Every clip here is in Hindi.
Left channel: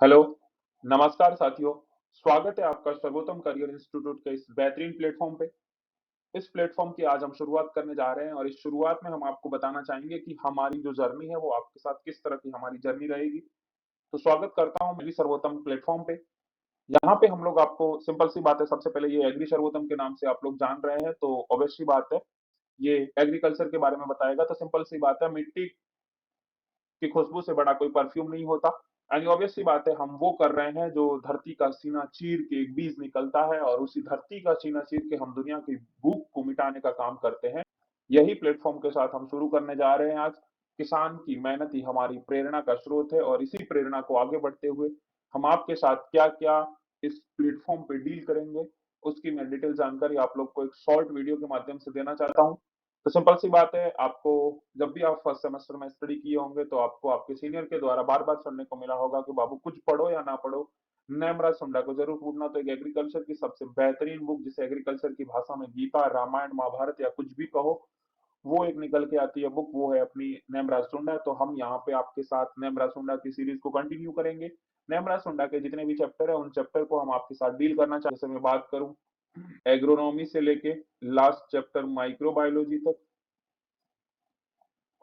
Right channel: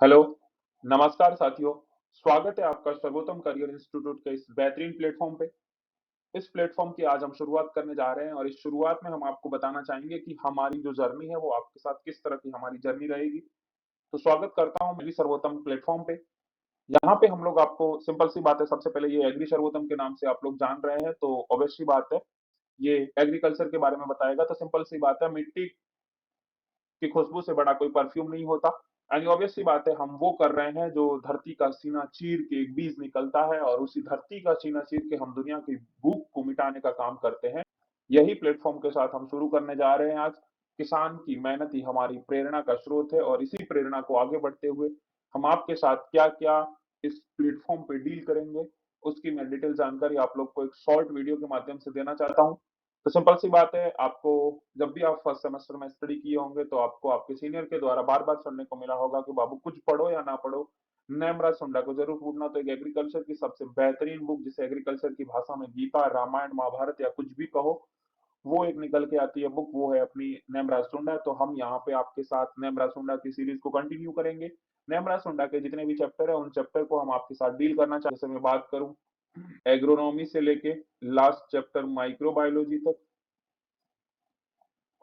हेलो, नमस्कार साथियों। स्वागत है आपका सर्वोत्तम करियर इंस्टीट्यूट के इस बेहतरीन प्लेटफॉर्म पे। इस प्लेटफॉर्म की आज हम शुरुआत करने जा रहे हैं और इस शुरुआत में हम आपको बताना चाहेंगे कि हमारी जो जर्नी है वो आपके साथ किस तरह की हमारी जर्नी रहेगी। तो स्वागत करता हूँ मेरी सर्वोत्तम प्लेटफॉर्म पे। यहाँ पे हम लोग आपको सिंपल सी बात है, सबसे पहले ये एग्री सर्वोत्तम के नाम से आप लोग जान रहे हैं तो ऑब्वियस सी बात है, ये एग्रीकल्चर के बारे में बताएगा। तो सिंपल सी बात है, मिट्टी की खुशबू से बड़ा कोई परफ्यूम नहीं होता। एंड ऑब्वियस सी बात है, हम वो कर रहे हैं जो धरती का सीना चीर के एक बीज निकलता है और उसी धरती का सीना चीर के हम दुनिया की भूख को मिटाने का काम करते हैं। यही प्लेटफॉर्म के साथ हम शुरू करने जा रहे हैं आज। किसान की मेहनत ही हमारी प्रेरणा का स्रोत है और इसी प्रेरणा को आगे बढ़ते हुए हम आपके साथ क्या क्या इस प्लेटफॉर्म पे डील करेंगे, उसकी मैं डिटेल जानकारी आप लोग को एक शॉर्ट वीडियो के माध्यम से देना चाहता हूँ। तो सिंपल सी बात है, आपको जब भी आप फर्स्ट सेमेस्टर में स्टडी किए होंगे तो आपको आपके सीनियर के द्वारा बार बार सुनने को मिला होगा कि बाबू कुछ पढ़ो या ना पढ़ो, नेमराज सुंडा को जरूर ढूंढना। तो एग्रीकल्चर की सबसे बेहतरीन बुक, जिसे एग्रीकल्चर की भाषा में गीता, रामायण, महाभारत या कुछ भी कहो, वो एक निकल के आती है बुक, वो है अपनी नेमराज सुंडा। तो हम यहाँ पे आपके साथ नेमराज सुंडा की सीरीज को कंटिन्यू करेंगे। नेमराज सुंडा के जितने भी चैप्टर है उन चैप्टर को हम आपके साथ डील करना चाहते हैं। जैसे मैं बात करूं एग्रोनॉमी से लेके लास्ट चैप्टर माइक्रोबायोलॉजी तक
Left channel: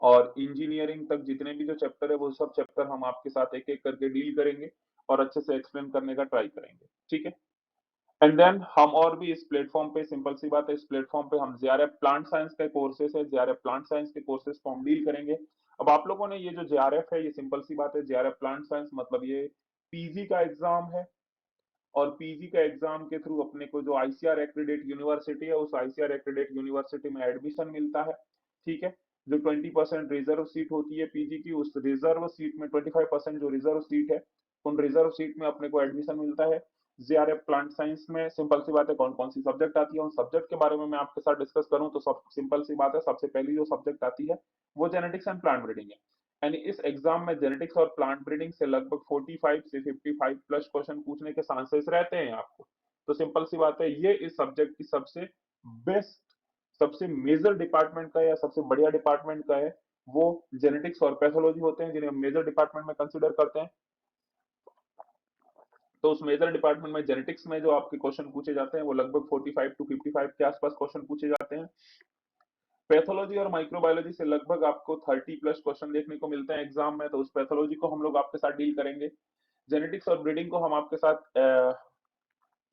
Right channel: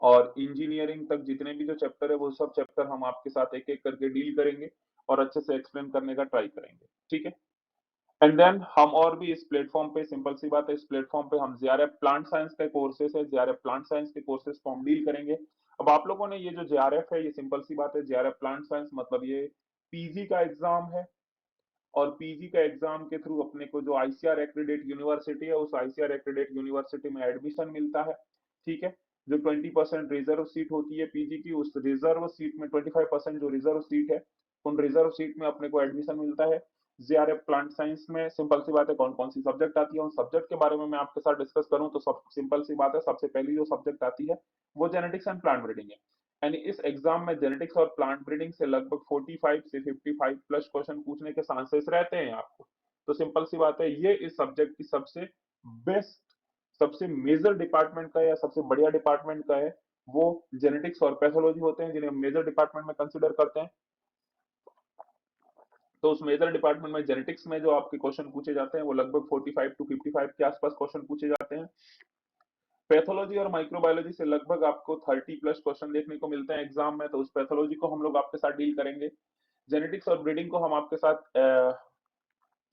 और इंजीनियरिंग तक, जितने भी जो चैप्टर है वो सब चैप्टर हम आपके साथ एक एक करके डील करेंगे और अच्छे से एक्सप्लेन करने का ट्राई करेंगे। ठीक है। एंड देन हम और भी इस प्लेटफॉर्म पे, सिंपल सी बात है, इस प्लेटफॉर्म पे हम जेआरएफ प्लांट साइंस के कोर्सेस है, जेआरएफ प्लांट साइंस के कोर्सेस को हम डील करेंगे। अब आप लोगों ने ये जो जेआरएफ है, ये सिंपल सी बात है, जेआरएफ प्लांट साइंस मतलब ये पीजी का एग्जाम है और पीजी का एग्जाम के थ्रू अपने को जो आईसीआर एक्रेडिट यूनिवर्सिटी है, उस आईसीआर एक्रेडिट यूनिवर्सिटी में एडमिशन मिलता है। ठीक है। जो 20% रिजर्व सीट होती है पीजी की, उस रिजर्व सीट में 25% जो रिजर्व सीट है, उन रिजर्व सीट में अपने को एडमिशन मिलता है। जेआरएफ प्लांट साइंस में सिंपल सी बात है, कौन कौन सी सब्जेक्ट आती है, उन सब्जेक्ट के बारे में मैं आपके साथ डिस्कस करूं तो सब सिंपल सी बात है, सबसे पहली जो सब्जेक्ट आती है वो जेनेटिक्स एंड प्लांट ब्रीडिंग है। यानी इस एग्जाम में जेनेटिक्स और प्लांट ब्रीडिंग से लगभग 45 से 55 प्लस क्वेश्चन पूछने के चांसेस रहते हैं आपको। तो सिंपल सी बात है, ये इस सब्जेक्ट की सबसे बेस्ट, सबसे मेजर डिपार्टमेंट का या सबसे बढ़िया डिपार्टमेंट का है, वो जेनेटिक्स और पैथोलॉजी होते हैं, जिन्हें मेजर डिपार्टमेंट में कंसिडर करते हैं। तो उस मेजर डिपार्टमेंट में जेनेटिक्स में जो आपके क्वेश्चन पूछे जाते हैं वो लगभग 45 टू 55 के आसपास क्वेश्चन पूछे जाते हैं। पैथोलॉजी और माइक्रोबायोलॉजी से लगभग आपको 30 प्लस क्वेश्चन देखने को मिलते हैं एग्जाम में, तो उस पैथोलॉजी को हम लोग आपके साथ डील करेंगे। जेनेटिक्स और ब्रीडिंग को हम आपके साथ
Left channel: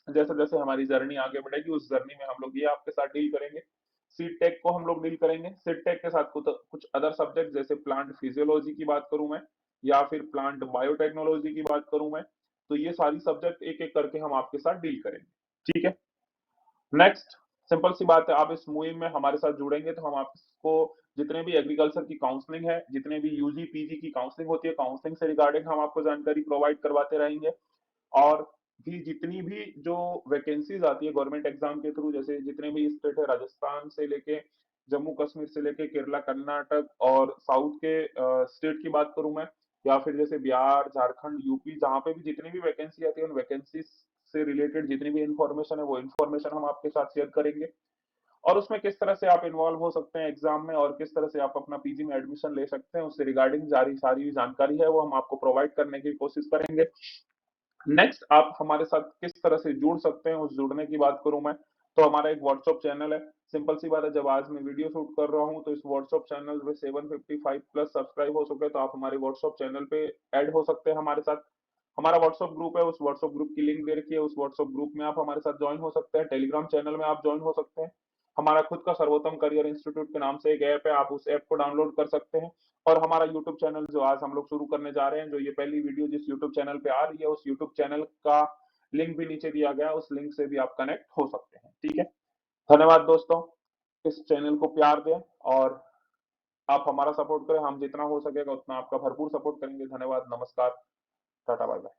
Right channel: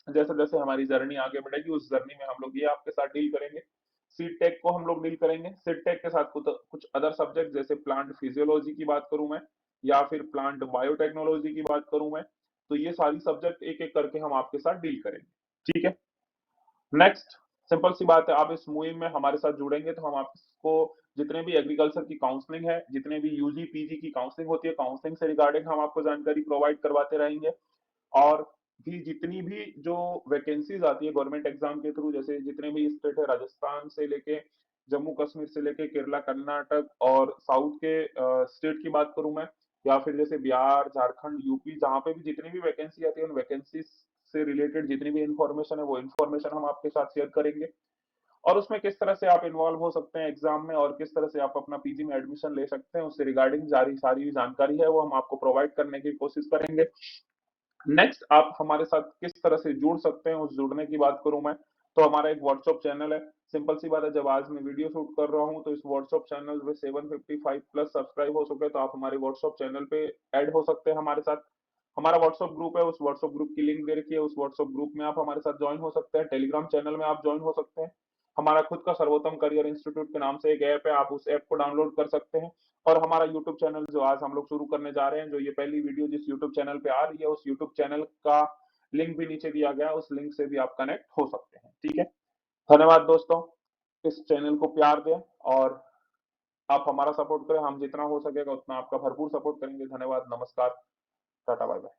जैसे जैसे हमारी जर्नी आगे बढ़ेगी उस जर्नी में हम लोग ये आपके साथ डील करेंगे। सीड टेक को हम लोग डील करेंगे। सीड टेक के साथ कुछ कुछ अदर सब्जेक्ट, जैसे प्लांट फिजियोलॉजी की बात करूं मैं, या फिर प्लांट बायोटेक्नोलॉजी की बात करूं मैं, तो ये सारी सब्जेक्ट एक एक करके हम आपके साथ डील करेंगे। ठीक है। नेक्स्ट, सिंपल सी बात है, आप इस मुहिम में हमारे साथ जुड़ेंगे तो हम आपको जितने भी एग्रीकल्चर की काउंसलिंग है, जितने भी यूजी पीजी की काउंसलिंग होती है, काउंसलिंग से रिगार्डिंग हम आपको जानकारी प्रोवाइड करवाते रहेंगे। और भी जितनी भी जो वैकेंसीज आती है गवर्नमेंट एग्जाम के थ्रू, जैसे जितने भी स्टेट है, राजस्थान से लेके जम्मू कश्मीर से लेके केरला, कर्नाटक और साउथ के स्टेट की बात करूं मैं, या फिर जैसे बिहार, झारखंड, यूपी, जहाँ पे भी जितनी भी वैकेंसी आती है उन वैकेंसी से रिलेटेड जितनी भी इंफॉर्मेशन है वो इंफॉर्मेशन हम आपके साथ शेयर करेंगे। और उसमें किस तरह से आप इन्वॉल्व हो सकते हैं एग्जाम में और किस तरह से आप अपना पीजी में एडमिशन ले सकते हैं, उससे रिगार्डिंग सारी सारी जानकारी है वो हम आपको प्रोवाइड करने की कोशिश करेंगे। नेक्स्ट, आप हमारे साथ किस तरह से जुड़ सकते हैं, उस जुड़ने की बात करूं मैं, तो हमारा एक व्हाट्सएप चैनल है। सिंपल सी बात है, जब आज मैं वीडियो शूट कर रहा हूं तो इस व्हाट्सएप चैनल में 755 प्लस सब्सक्राइब हो चुके हैं, तो आप हमारे व्हाट्सएप चैनल पे ऐड हो सकते हैं हमारे साथ। हमारा व्हाट्सएप ग्रुप है, उस व्हाट्सएप ग्रुप की लिंक दे रखी है, उस व्हाट्सएप ग्रुप में आप हमारे साथ ज्वाइन हो सकते हैं। टेलीग्राम चैनल में आप ज्वाइन हो सकते हैं। हमारा खुद का सर्वोत्तम करियर इंस्टीट्यूट के नाम से एक ऐप है, आप उस ऐप को डाउनलोड कर सकते हैं। और हमारा यूट्यूब चैनल जो आज हम लोग शुरू करने जा रहे हैं, जो ये पहली वीडियो जिस यूट्यूब चैनल पे आ रही है, उस यूट्यूब चैनल का लिंक भी नीचे दिया गया है, उस लिंक से भी आप कनेक्ट हो सकते हैं। ठीक है। धन्यवाद दोस्तों, इस चैनल को प्यार दें और आप हमारा सपोर्ट करें, हम जितना हो सकेगा उतना आपका भरपूर सपोर्ट करेंगे। धन्यवाद, नमस्कार, टाटा, बाय बाय।